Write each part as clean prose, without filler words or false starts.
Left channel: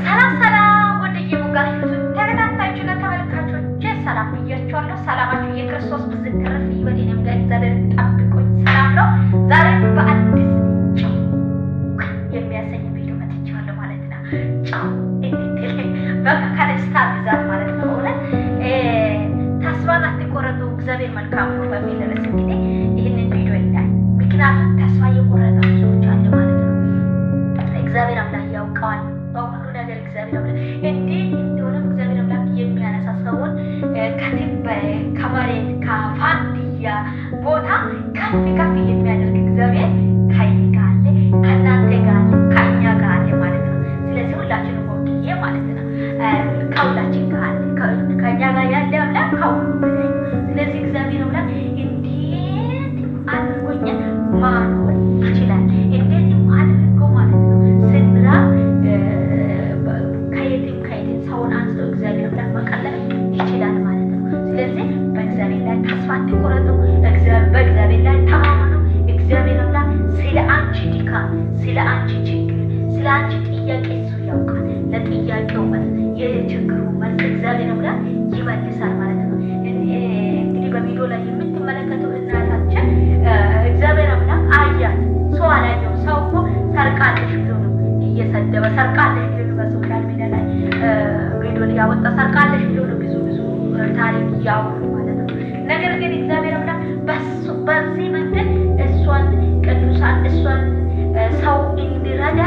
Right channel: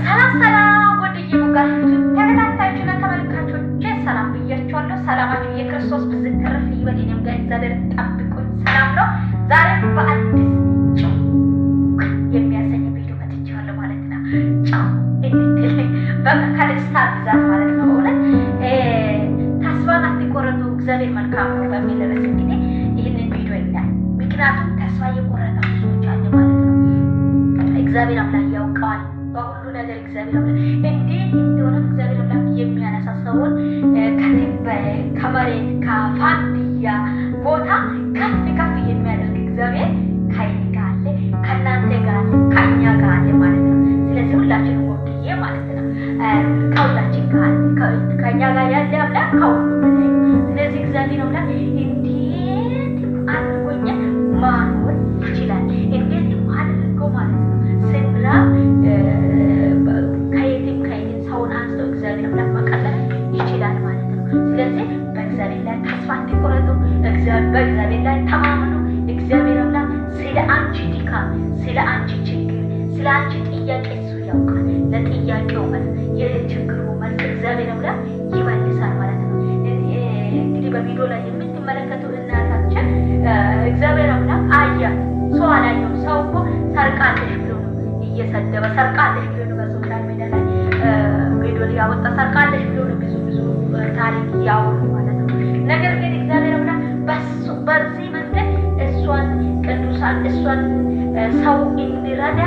ሰላም ሰላም ወደየ ሙጋችሁ ተከታታዮችና ተመልካቾች ሰላም ብያችኋለሁ። ሰላማችሁ የክርስቶስ ብዝት ተረፍ ይበል። እኔም ጋር እግዚአብሔር ጠብቆኝ ሰላም ነው። ዛሬ በአዲስ ጫው የሚያሰኝ ቪዲዮ መጥቻለሁ ማለት ነው። ጫው እንዴት በቃ ከደስታ ብዛት ማለት ነው። እውነት ተስፋን አትቆረጡ እግዚአብሔር መልካም ነው በሚል ርዕስ እንግዲህ ይህንን ቪዲዮ ይላል። ምክንያቱም ተስፋ የቆረጠ ብዙዎች አለ ማለት ነው። እግዚአብሔር አምላክ ያውቀዋል በሁሉ ነገር። እግዚአብሔር አምላክ እንዴት እንደሆነ እግዚአብሔር አምላክ የሚያነሳ ሰውን ከመሬት ከፋንድያ ቦታ ከፍ ከፍ የሚያደርግ እግዚአብሔር ከእኔ ጋር አለ፣ ከእናንተ ጋር አለ፣ ከእኛ ጋር አለ ማለት ነው። ስለዚህ ሁላችንም ወክዬ ማለት ነው ከሁላችን ጋር አለ፣ ከእኛ ጋር ያለ አምላክ ከሁሉ በላይ ነው። ስለዚህ እግዚአብሔር አምላክ እንዴት አድርጎኛ ማኖር ይችላል፣ እንዴት አድርጎ ማለት ነው ስንራ ከየትም ሰውን አንስቶ እግዚአብሔር አምላክ መቀለል ይችላል ማለት ነው። ስለዚህ በእግዚአብሔር ላይ ተስፋ አትቆረጡ፣ በእግዚአብሔር ላይ ተማመኑ። እግዚአብሔር አምላክ ስለ አንቺ ድካም፣ ስለ አንቺ ችግር፣ ስለ አንቺ ጥያቄ እሱ ያውቃል። ለጥያቄው መልስ፣ የችግሩ መልስ እግዚአብሔር አምላክ ይመልሳል ማለት ነው። እንግዲህ በቪዲዮ ላይ የምትመለከተው እናታችን እግዚአብሔር አምላክ አያት። ሰው አላየው። ሰው እኮ ሰርቃለሽ ብሎ ነው እየሰደበ፣ ሰርቃለሽ ብሎ ነው በሶሻል ሚዲያ ላይ ቪዲዮ ያወጣ፣ ሰርቃለሽ ብሎ ነው ብዙ ታሪክ ያወሩ ማለት ነው። ነገር ግን እግዚአብሔር አምላክ በዚህ መንገድ እሷን ቅዱሳን እሷን ሰው እንዲረዳ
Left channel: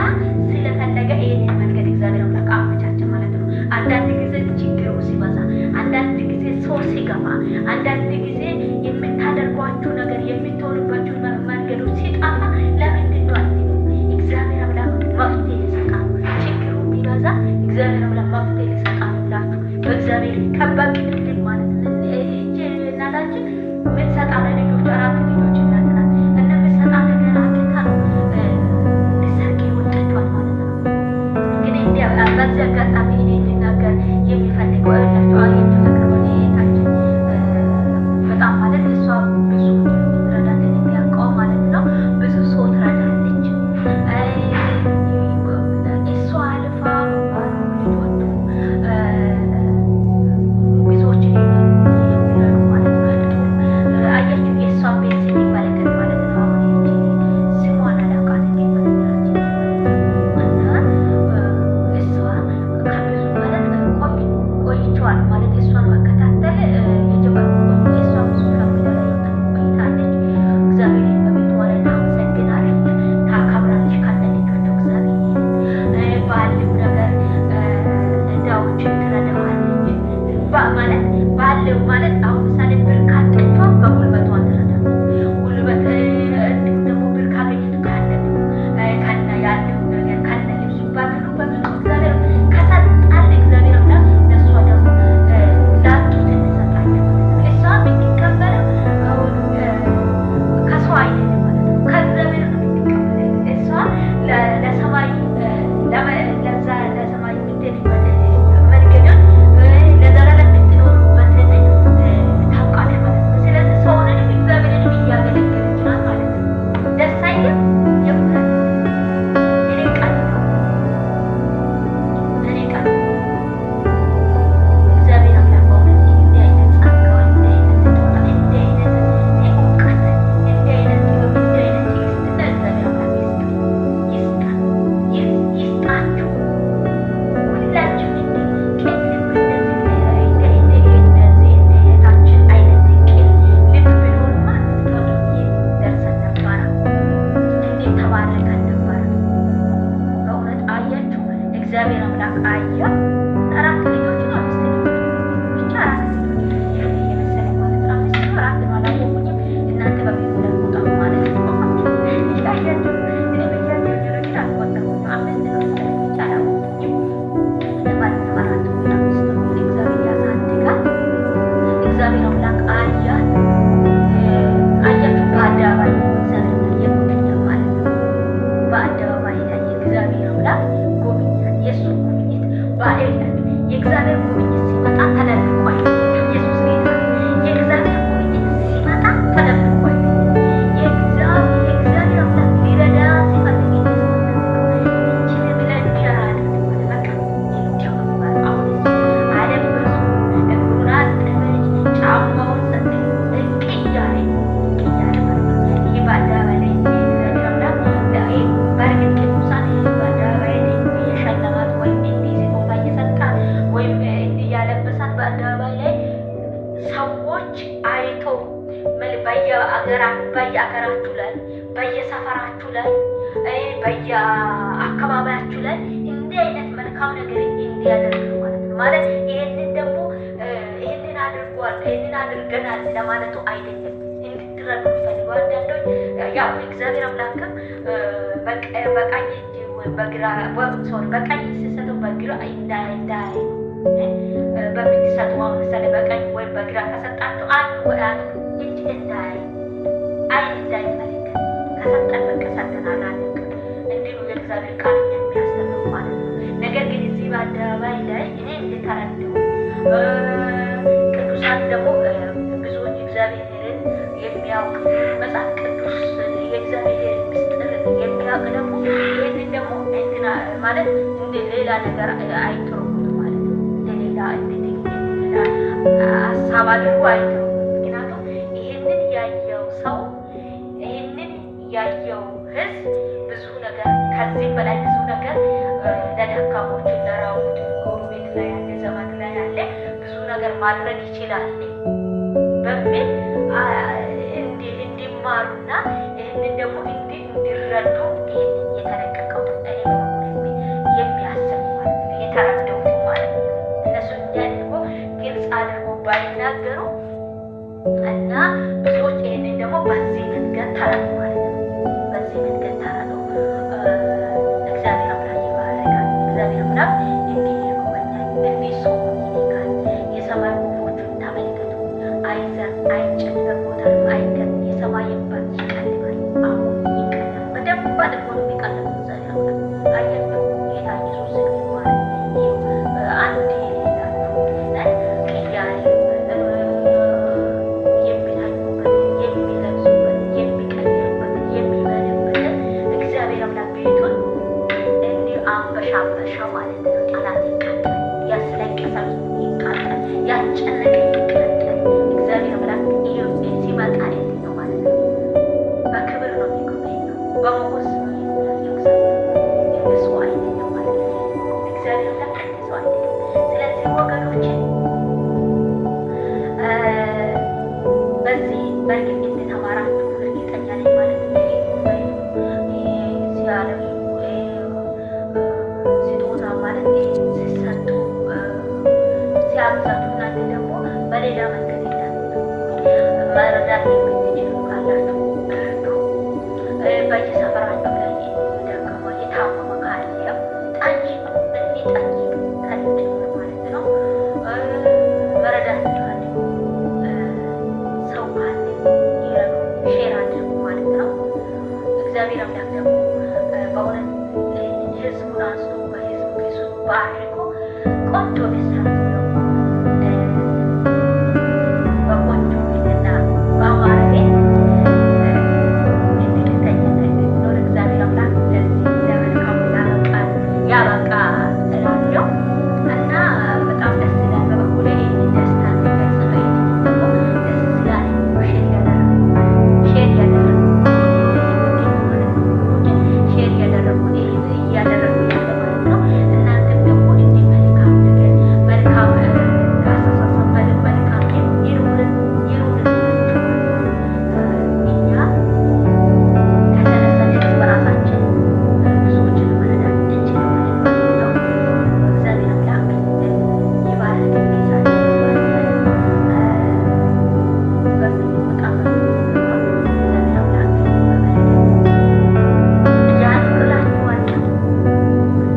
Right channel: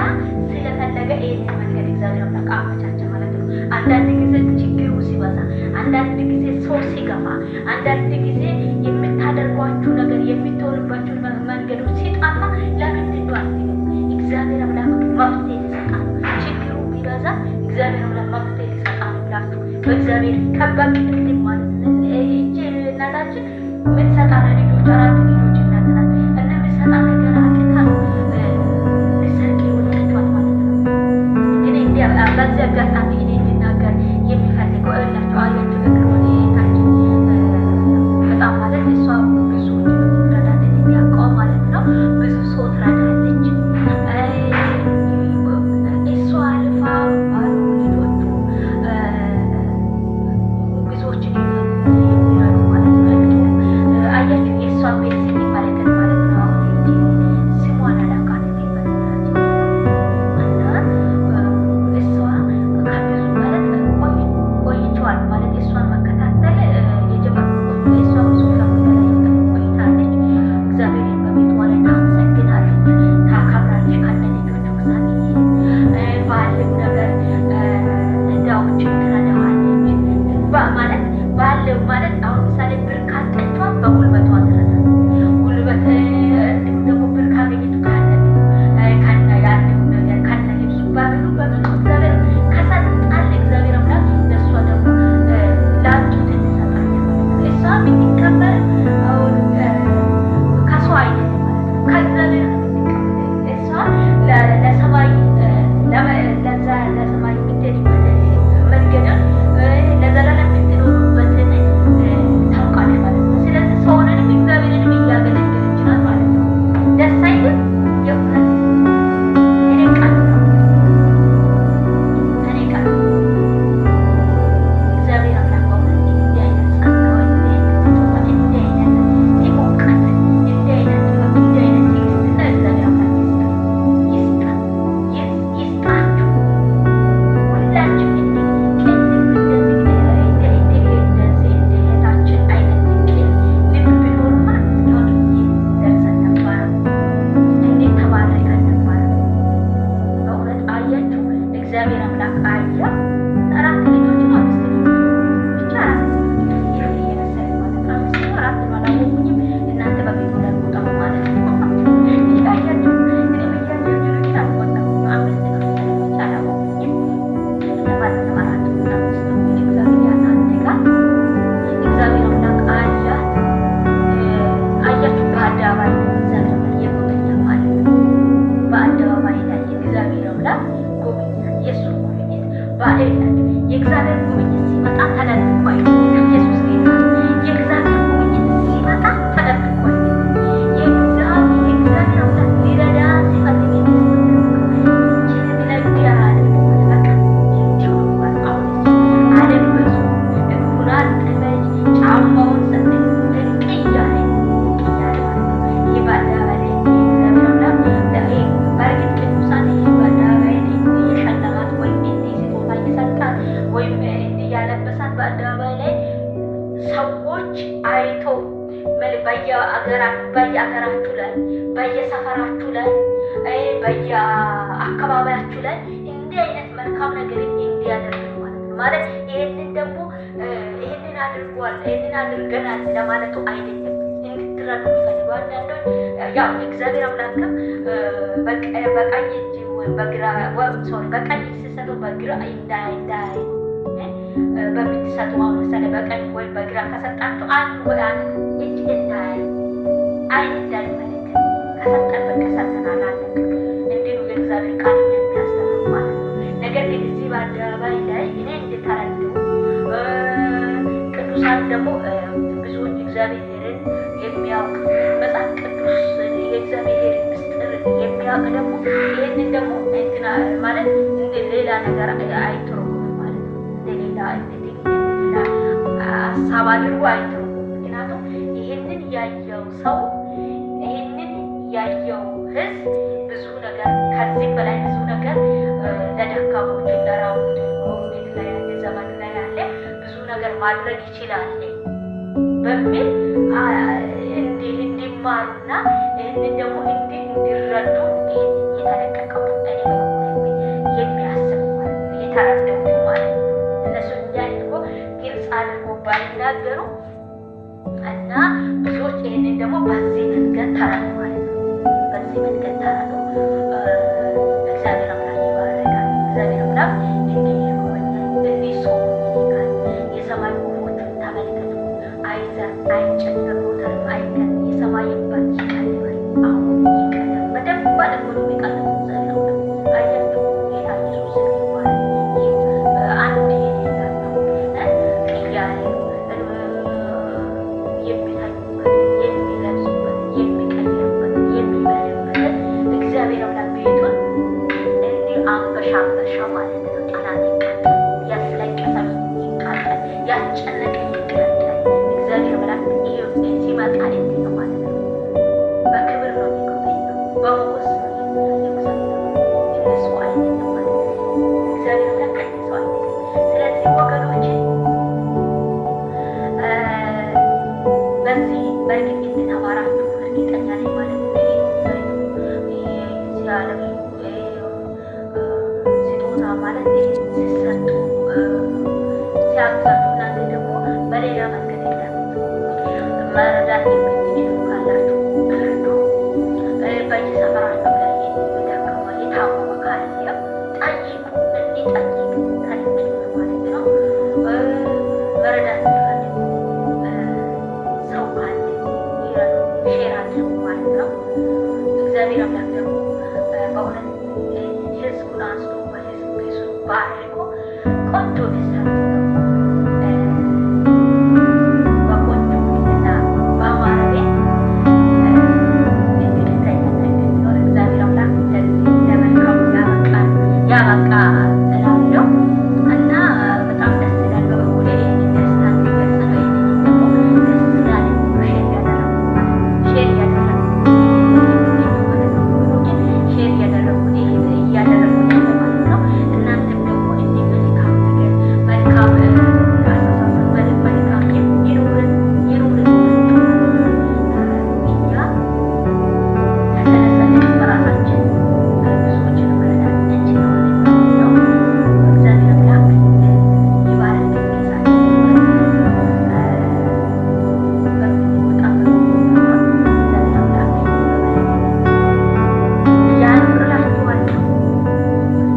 ስለፈለገ ይህንን መንገድ እግዚአብሔር አምላክ አመቻቸ ማለት ነው። አንዳንድ ጊዜ ችግሩ ሲበዛ፣ አንዳንድ ጊዜ ሰው ሲገፋ፣ አንዳንድ ጊዜ የምታደርጓችሁ ነገር የምትሆኑባችሁ መንገዶች ሲጠፋ ለምንድን ነው አትሉም? እግዚአብሔር አምላክ መፍትሄ ሊሰጣል። ችግሩ ቢበዛ እግዚአብሔር አምላክ መፍትሄ ሊሰጣል ብላችሁ በእግዚአብሔር ከበቅልኝ ማለት ነው። እቺ እናታችን የምትሰጣ ልጆች 4 ልጆች እናት ናት እና የምትሰጣ ነገር አጥታ ነው ልሰርቅ የወጣችኋት ማለት ነው። ግን በዚህ አጋጣሚ እኔ እንድናገር የሚፈልገው እላቸው አያቸው ነገር ሆነ ታችን በጣም ማለት እሷ ብዙ ረዳት የሚያውቀው ማለት ነው። ብዙ ሰው ትረዳለች። እሷ አልፋ ባሉ ልጆቹ ብዙዎችን የሚረዱ ማለት ነው። አያችሁ የእሷን ቤት ስንመለከት ማለት ነው። አሁን ስሟን አላውቃትም በነገራችን እና እሷ ከብዙ ማለት ቆይቷል ማለት እሷን መከታተል የጀመርኩት እሷ ሶሻል ሚዲያ ላይ ቆይታለች። እግዚአብሔርን በቤቷ ላይ ታመሰግናለች፣ ታከብራለች ከነ ልጆቹ እግዚአብሔር ባለው ነገር ዳዎችን ትረዳዋለች ማለት ባለው ማለት አሁን ምሳሌ ብር ካጠቿ በጉልበቷ ትረዳለች። ጉልበት እንዲሁም ደግሞ ብር ካገኘቱ ከነ ያለው ነገር ከነ ልብሱ በምኑ እግዚአብሔር ከሰጣል እግዚአብሔር አምላክ ለእሷ ደግሞ ላጡት እንሰጣቸው ማለት ነው። እሷ የምትቀበለው አሁን ከሰው አይደለም ማለት ነው፣ ከእግዚአብሔር ነው የምትቀበለው። እሷ ለሰማይ ለሰማይ የምትሄድበት መንገድን ለዘላለም የምትኖሩበትን ታውቃለች ማለት ነው። ስለዚህ ሰውንንም እግዚአብሔርንም እያገለገለች ናት ማለት ነው። ደስ አይልም? የእውነት እኔ ቃል እግዚአብሔር አምላክ በእውነት እንዲህ አይነት ጸጋ፣ እንዲህ አይነት ስጦታ፣ እንዲህ አይነት እውቀት፣ እንዲህ አይነት ጥበብ፣ እንዲህ አይነት ትዕግስትና እግዚአብሔር አምላክ ይስጣችሁ። ሁላችሁ ቅን እንደዚህ እንደ እህታችን አይነት ቅን ልብ ቢኖርማ እስካሁን ደርሰን ነበረ። እንዴት ተባረከን ነበረ በእውነት አያችሁ። እግዚአብሔር አምላክ አያ 4 ልጆች ነው 5 ልጆች ብቻ 4 ልጆች የመሰለኝ ማለት ነው። 5 ነው 4 ነው አላወቁኝም። እናንተ በቤቱ ላይ ቁጠሩ ማለት ነው። እያያችሁ እኔ በያያችሁ ነው ግን አልቆጠርኩም። 5 ነው ብቻ አላወቁኝም። ለማለት ነው 4 እና 5 ነው እግዚአብሔር ያሳድጋ። እግዚአብሔር አምላክ አያችሁ በአደባባይ እግዚአብሔር አምላክ የጎበኛ ማለት ነው። በአደባባይ ላይ እግዚአብሔር አምላክ ጎበኛ። የእሱ ጉብኝት በአይነት የእግዚአብሔር ጉብኝት ሲመጣ ተደብቆ ኢየሱስ ጌታ። የእግዚአብሔር ጉብኝት ሲመጣ ተደብቆ የእግዚአብሔር አምላክ ሊረዳ ሲፈልግ የለበሳት በአደባባይ ላይ ሰዎች አይቶ በየአገራችሁ ላይ በየሰፈራችሁ ላይ በየአካባቢያችሁ ላይ እንዲህ አይነት መልካም ነገር እንዲያደርግ ማለት ነው። ማለት ይሄንን ደግሞ ይሄንን አድርጓል ይሄንን አድርገናል ለማለቱ አይደለም። እንድትረዱ የሚፈልገው አንዳንዶች ያው እግዚአብሔር አምላክም በቀኝ እጅ ወይም በቀኝ እጅ ሲሰጠው በግራ እንዳይ በምትሰጡ መሰለ በቀኝ ወይም በግራ ከሰጣችሁ አንዱ እጅ እንዳይ አይን እንዳይመለከት ከሰጠን በቃ ሰጠናል አለቅ እንዲሁ የእግዚአብሔር ቃል የሚያስተምሩ ማለት ነው። ነገር ግን እዚህ በአደባባይ ላይ እኔ እንድተረዱ ቅዱሳን ደግሞ ብዙዎች እግዚአብሔርን የሚያውቅ መጽሐፍ ቅዱስ የእግዚአብሔር ምስጢር የሚያውቅ ደግሞ ይህንን ደግሞ እንትና ማለት እንደ ሌላ ነገር አይተረጉምም ማለት ነው። እንደ ሌላ ሀሳብ አድርጎ አይተረጉምም። ምክንያቱም ይህንን ያየው ሰው ይህንን ያየው ህዝብ ብዙ ነገር ከዚህ በላይ ብዙ ነገር ለደካሞች ለራቡት ጎረቤት ላይ ያለ ዘመድ ላይ ያለ ብዙ ነገር ማድረግ ይችላል በሚል እንዲማሩና ይህንን ደግሞ እንዲረዱ የተለቀቀው እኔ በኩል የሚያስቡ ማለት ነው። የተረዳሁት ማለት ነው። እነሱ እንዲያድርጎ ግልጽ አድርጎ ባይናገሩ እና ብዙዎች ይህንን ደግሞ በዚህ መንገድ ተረዱ ማለት ነው። በዚህ መንገድ ተረዱ። እግዚአብሔር አምላክ ይባረካል። እግዚአብሔር አምላክ እንዲህ ይጎበኛል፣ እንዲህ ሰው ይልካል። የሰማይ ወፎቹን ተመልከቱ፣ አይዘር አይጨድ በቦታም አይገን የሰማይን በር ይቀልባል። አሁን ይቀልባል። በደንብ አድርጎ ነው የሚቀልበው። እግዚአብሔር አምላክ አያችሁ፣ ጌታ ኢየሱስ ይባላል። ይህ አንድ የሌላችሁ ቅያሬ የሚታዩበት የሚለብሱበት የሚቀይሩበት የሚበሉበት እግዚአብሔር አምላክ ቤቱን እንዲህ አንበሻበሻ ማለት ነው። ጠላት ይቃጠል፣ ያስለቀሰ ይቃጠል፣ ያስጨነቀ ይቃጠል። እግዚአብሔር አምላክ ሲመጣ እንዲህ ነው ማለት ነው። በክብር ነው የሚጎበኘው፣ በሞገስ ነው የሚያየው። እንደሱ አይደለም ማለት ነው። እግዚአብሔር አምላክ እንደሱ አይደለም። ስለዚህ ወገኖቼ በዚህ በእርግጥ እንደተማራችሁ እርግጠኛ ነኝ ማለት ነው። ያለው ስጦታ ማለት ሲሰጡ ሲያግዛችሁ እናንተ ደግሞ በሌላ መንገድ የለም መረዳት የምትችሉ ካላችሁ እርዱ። በየሰፈራችሁ ላይ የደከመ የታመመ ካለ ጠይቁ፣ እንዲጠይቅ ከልጅ ማለት ነው። መረዳት የሚፈልጉ ሰው ካለ ይረዱ፣ ሼር አድርጉ ማለት ነው። እግዚአብሔር አምላክ ደግሞ በእውነት ህዝቡን አንስቶ በህዝቡ ፊቱ ባርኮ ቆንጆ ቤት ሰርቶ ደግሞ በቆንጆ ቤትና በአማረ ቤት እንድንተኛ እንድንኖር እግዚአብሔር አምላክ ለዚህ ለመልካሙ ያበቃ እላለሁ እና በጣም ደስ ይላል። በበኩሌ ይህንን ደስታ እንዲገልጽ ነው። ይህንን ደግሞ ደስ ይላል። ሼር እያደረጉ ያለው ማለት ነው። እናንተም ደግሞ እንዲህ መልካም ነገር መልካም አስተሳሰብ መልካም ይኑርን እኛ ከተነሳን በራሳችን ብዙዎችን መረዳት እንችላለን ማለት ነው። እግዚአብሔር አምላክ ይባርክ። ጌታችን በምንወጣ እግዚአብሔር አምላክ ያኑርላችኋለሁ።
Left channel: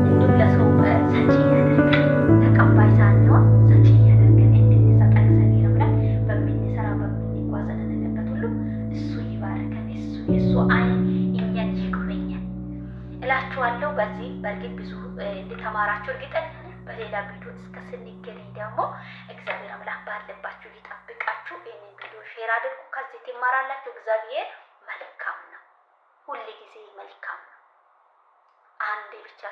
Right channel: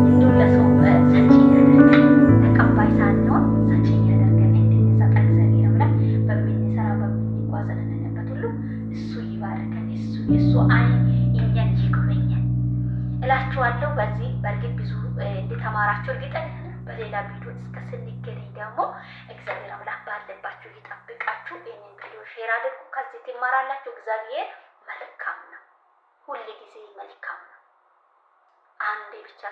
እንዲሁም ለሰው ሰጪ ያደርገን፣ ተቀባይ ሳንሆን ሰጪ ያደርገን እንድንሰጥ እግዚአብሔር አምላክ በምንሰራ በምንጓዘንበት ሁሉ እሱ ይባርከን። የእሱ ዓይን እኛን ይጎበኘን እላችኋለሁ። በዚህ በእርግጥ ብዙ እንደተማራችሁ እርግጠኛ ነኝ። በሌላ ቪዲዮ እስከ ስንገናኝ ደግሞ እግዚአብሔር አምላክ ባለባችሁ ይጠብቃችሁ። ይህንን ቪዲዮ ሼር አድርጉ። ከዚህ ትማራላችሁ። እግዚአብሔር መልካም ነው፣ ሁል ጊዜ መልካም ነው። አንዴ ብቻ